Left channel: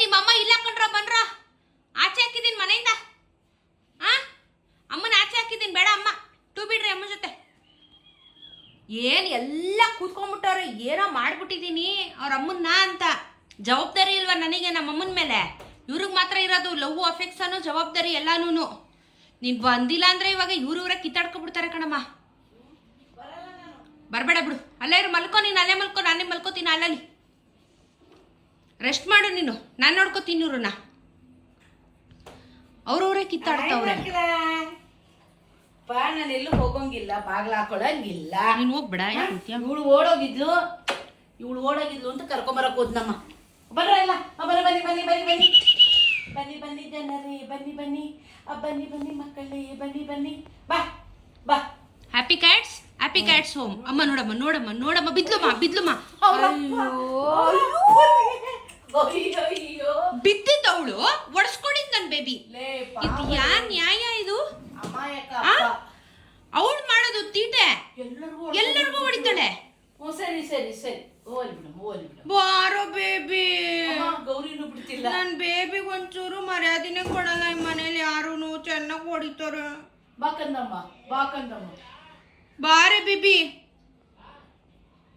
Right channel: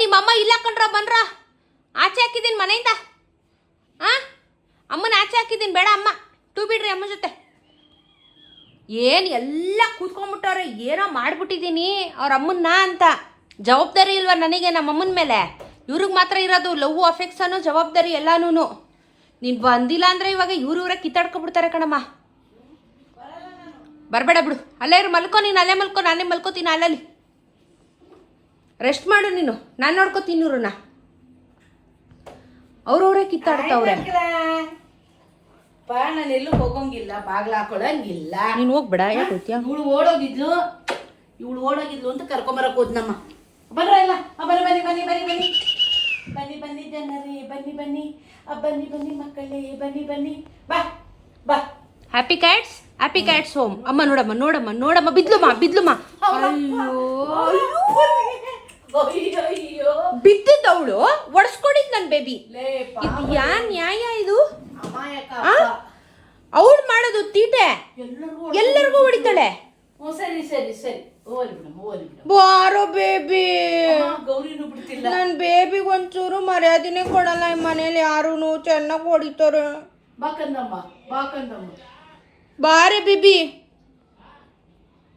ನಿಮ್ಮಮ್ಮ ಇಲ್ಲ ಕಣ್ರ ಬನ್ರ. ಆಚೆ ಹಾಕಿದ್ದೀನಿ ಮನೆಯಿಂದ. ಅಮ್ಮನ ಆಚೆ ಹಾಕಿದ್ದೀನಿ, ಬೇಡ ಅಮ್ಮ ಟೂ ಬಿಡ್ರಿ ಅಮ್ಮ ಜೊತೆ. ಏನು ಎಲ್ಲ ಕೂತ್ಕೊಂಡ್ಬಿಟ್ಟವ್ರೆ, ಏನೋ ಮಾಡ್ಬಿಟ್ಟಿದ್ದೀನಿ ಅವ್ರ ಅಮ್ಮನ್ನ ಅಂತ. ಜವಾಬ್ದಾರಿ ಇಲ್ವಾ ನನಗೆ ನಮ್ಮಮ್ಮನ ಮೇಲೆ? ಇವ್ರಿಗೆ ಮಾತ್ರ ಇರೋದು ಲವ್ ಅಫೆಕ್ಷನು ಜವಾಬ್ದಾರಿ ಎಲ್ಲಾನು. ನೀನು ಬಂದಿಲ್ಲ ಅಂದರೆ ಇವಾಗ ಇವ್ರೇ ಕಿತ್ತಾಡ್ಕೊಬಿಡ್ತಾರೆ ಕಣಮ್ಮ. ಬರಬೇಡ ಬಿಡು, ಅಲ್ಲೇ ಇರು, ಮಲ್ಕೋ ನೀನು, ಅಲ್ಲೇ ಮಲ್ಕೋ, ನಾನೇ ಮಲ್ಕೋತೀನಿ ಅಲ್ಲಲ್ಲಿ. ರೆಸ್ಟ್ ಮಾಡು ನೀನು, ನಾನು ನೋಡ್ಕೋತೀನಿ ಇವ್ರನ್ನ. ಅವ್ರವ್ರೇ ಕಿತ್ತಾಡ್ತಾವ್ರೆ. ನಾನು ಎಲ್ಲೂ ಹೋಗಂಗಿಲ್ಲ, ಬಾಗ್ಲ ಹಾಕೊಳಂಗಿಲ್ಲ. ನೀನು ಹೋಗ್ಬೇಡ, ಯಾಕೆ ಹೋಗ್ತೀಯ? ಇವಳು ಓಡೋಗಿದ್ಲು ಅಂತ ಕರ್ಕೊಂಬರಕ್ ಹೋದ್ನಮ್ಮ. ಬನ್ರಲ್ಲ, ಬನ್ನಿ ಬನ್ನಿ ಬನ್ನಿ ಬನ್ನಿ ಬನ್ನಿ ಬನ್ನಿ ಬನ್ನಿ ಜನರೇ, ಬನ್ನಿ ಬನ್ನಿ ಬನ್ನಿ ಬನ್ನಿ ಮಕ್ಕಳೇ, ಬನ್ನಿ ಬನ್ನಿ, ಬಾ ಬಾ. Happy cats home. ಅಮ್ಮ ನೋಡಮ್ಮ ಬಿದ್ಲುಮ್ಮ. ಅಯ್ಯೋ ಬಿದ್ದಿದ್ದವಳು ಒಡ್ಸ್ಕೊಂಡಿದ್ ನನ್ ಬೇಬಿ. ಇದು ಯಾ ನ್ಯಾಯ ಇದು? ಅವಳು ಮಾಡೋದು ತೀಟೆ, ಎಲ್ಲರಿಗೂ ಹೊಡಿತಾಳೆ. ಸರಿ ಸರಿ ಸರಿ, ಓಲಿ ಬಾರೋ ಬೇಬಿ. ಗೌರಿನೂ ಬಿಡ್ತಿಲ್ಲ. ನನ್ ಬೇಬಿಗೆ ಒಂಚೂರು ಮರ್ಯಾದಿನೇ ಕೊಡಲ್ಲ ಈ ಮನೇಲಿ ಯಾರು. ಚೆನ್ನಾಗಿ ಹೊಡಿತಾರೆ. ಬಾಕಂದಮ್ಮ ಬಾರೆ ಬೇಬಿ.